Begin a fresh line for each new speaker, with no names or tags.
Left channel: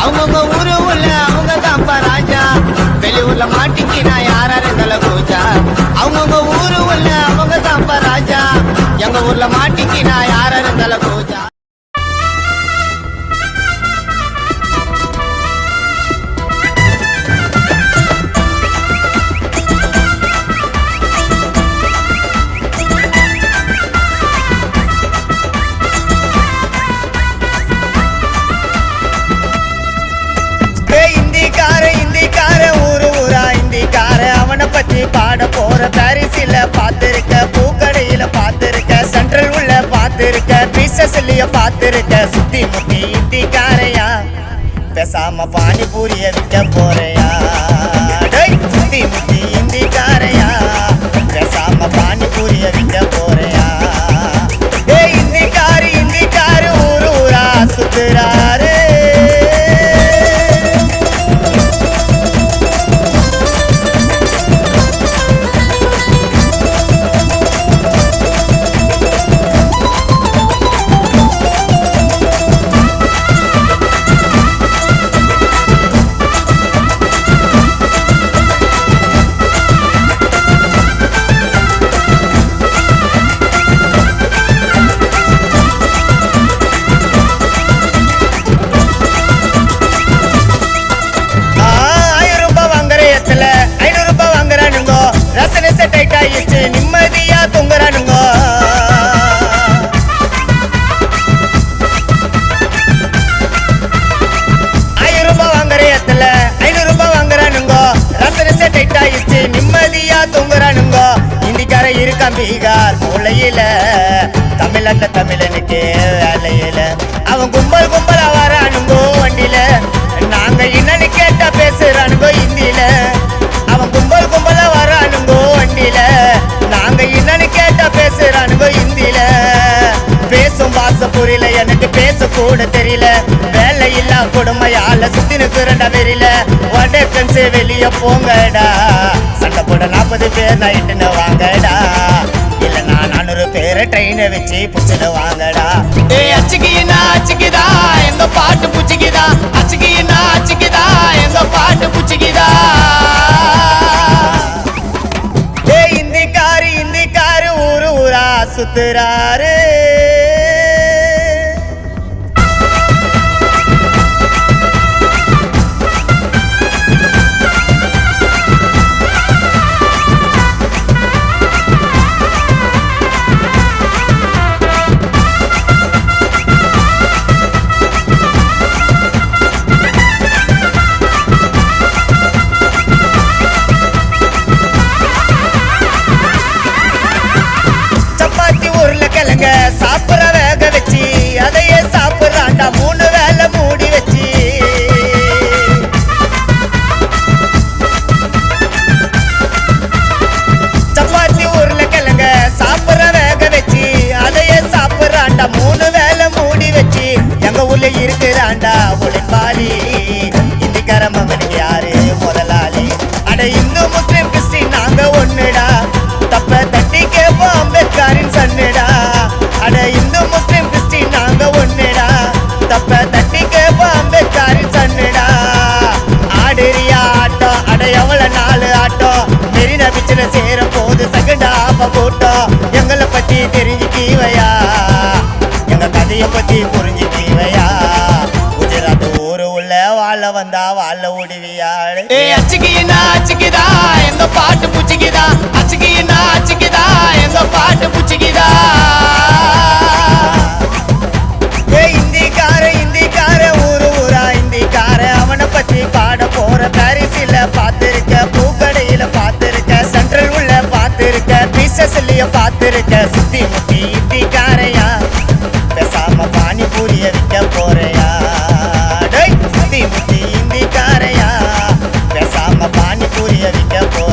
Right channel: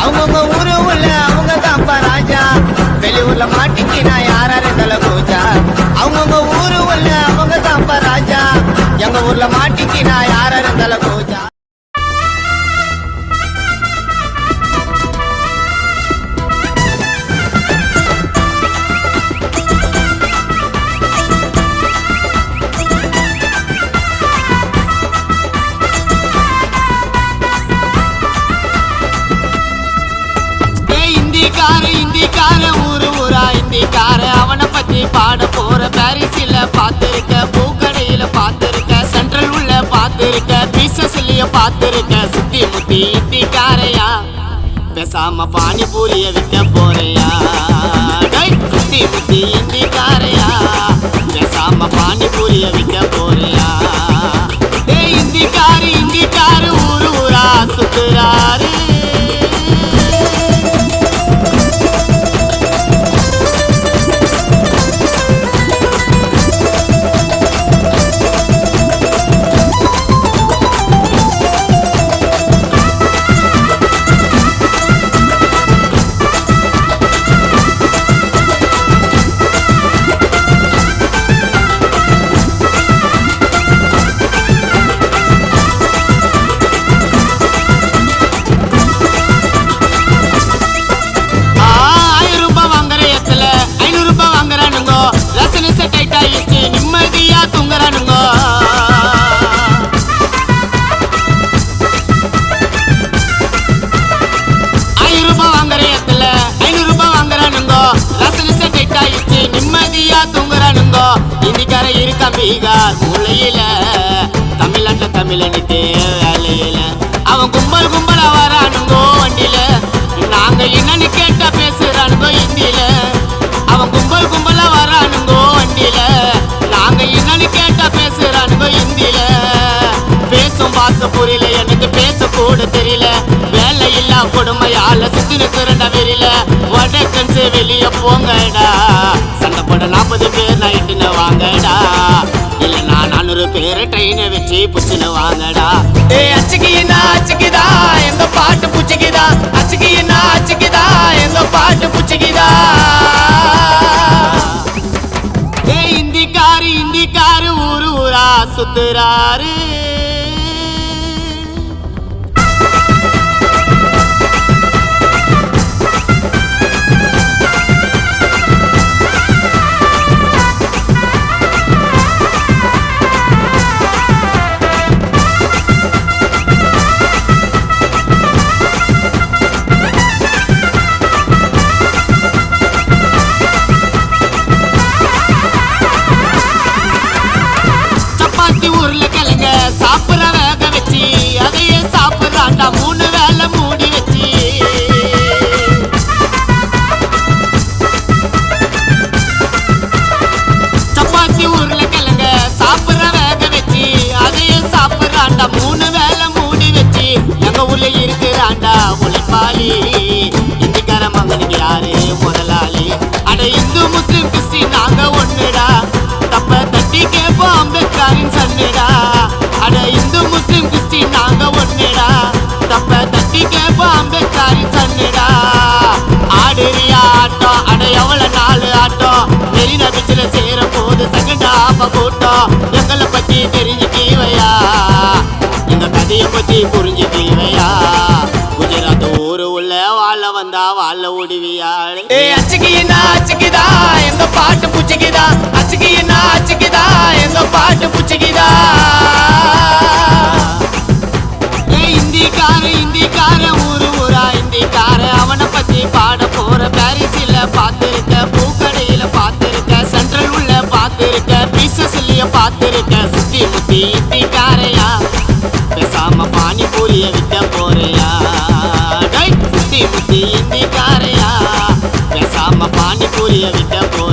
அவங்கவுங்க ஊரு உள்ள அவங்க தான்ப்பா ராஜா. வெளியூர்ல மாட்டிக்கு நான் யாராரு தலை பூஜா அவங்கவுங்க ஊரு உள்ள அவங்க தான்ப்பா ராஜா. எங்க ஊர்ல மாட்டிக்கு நான் யாராரு தலை பூஜா பேசாம பானிபூரிய விற்க போறையா? முத்தி முத்தி இந்திக்காரையா பேசாம பானிபூரிய விற்க போறையா? பீகார் மூளையில தமிழ்நாட்டுல தமிழனுக்கு வேலையில அவன் கும்பல் கும்பலா வரானுங்கோ வண்டியில. நாங்க என்னன்னு கேட்டா பேசுறானுங்கோ ஹிந்தியில ட்ரெயினை வச்சு புச்சுன்னு வாங்கடா. ஏ அச்சுக்கினா அச்சுக்குதா? எங்க பாட்டு புச்சுக்குதா? அச்சுக்கினா அச்சுக்குதா? எங்க பாட்டு புச்சுக்குதா? ஏ இந்திக்காரு இந்திக்காரு ஊரு ஊரா சுத்துறாரு. உருளைக்கிழங்க சாப்பிட வேக வச்சு அதையே சாப்பிட்றாண்டா மூணு வேலை மூடி வச்சு. சப்பாத்தி உருளைக்கிழங்க சாப்பிட வேக வச்சு அதையே சாப்பிட்றாண்டா மூணு வேலை மூடி வச்சு. எங்க ஊர்ல இருக்கிறாண்டா ஒளிப்பாளி. சகண்டா கூட்டம் எங்களை பற்றி தெரிஞ்சுக்கீவையா? எங்க கதையை பத்தி புரிஞ்சுக்கீவையா? குஜராத் ஊரு உள்ள வாழ வந்தா வாழ ஓடுவியாடு ஏ அச்சுக்கினா அச்சுக்குதா? எங்க பாட்டு புச்சுக்குதா? அச்சுக்கினா அச்சுக்குதா? எங்க பானிபூரிய விற்க போறையா? முத்தி சுத்தி முத்தி இந்திக்காரையா? பேசாம பானிபூரிய விற்க போ.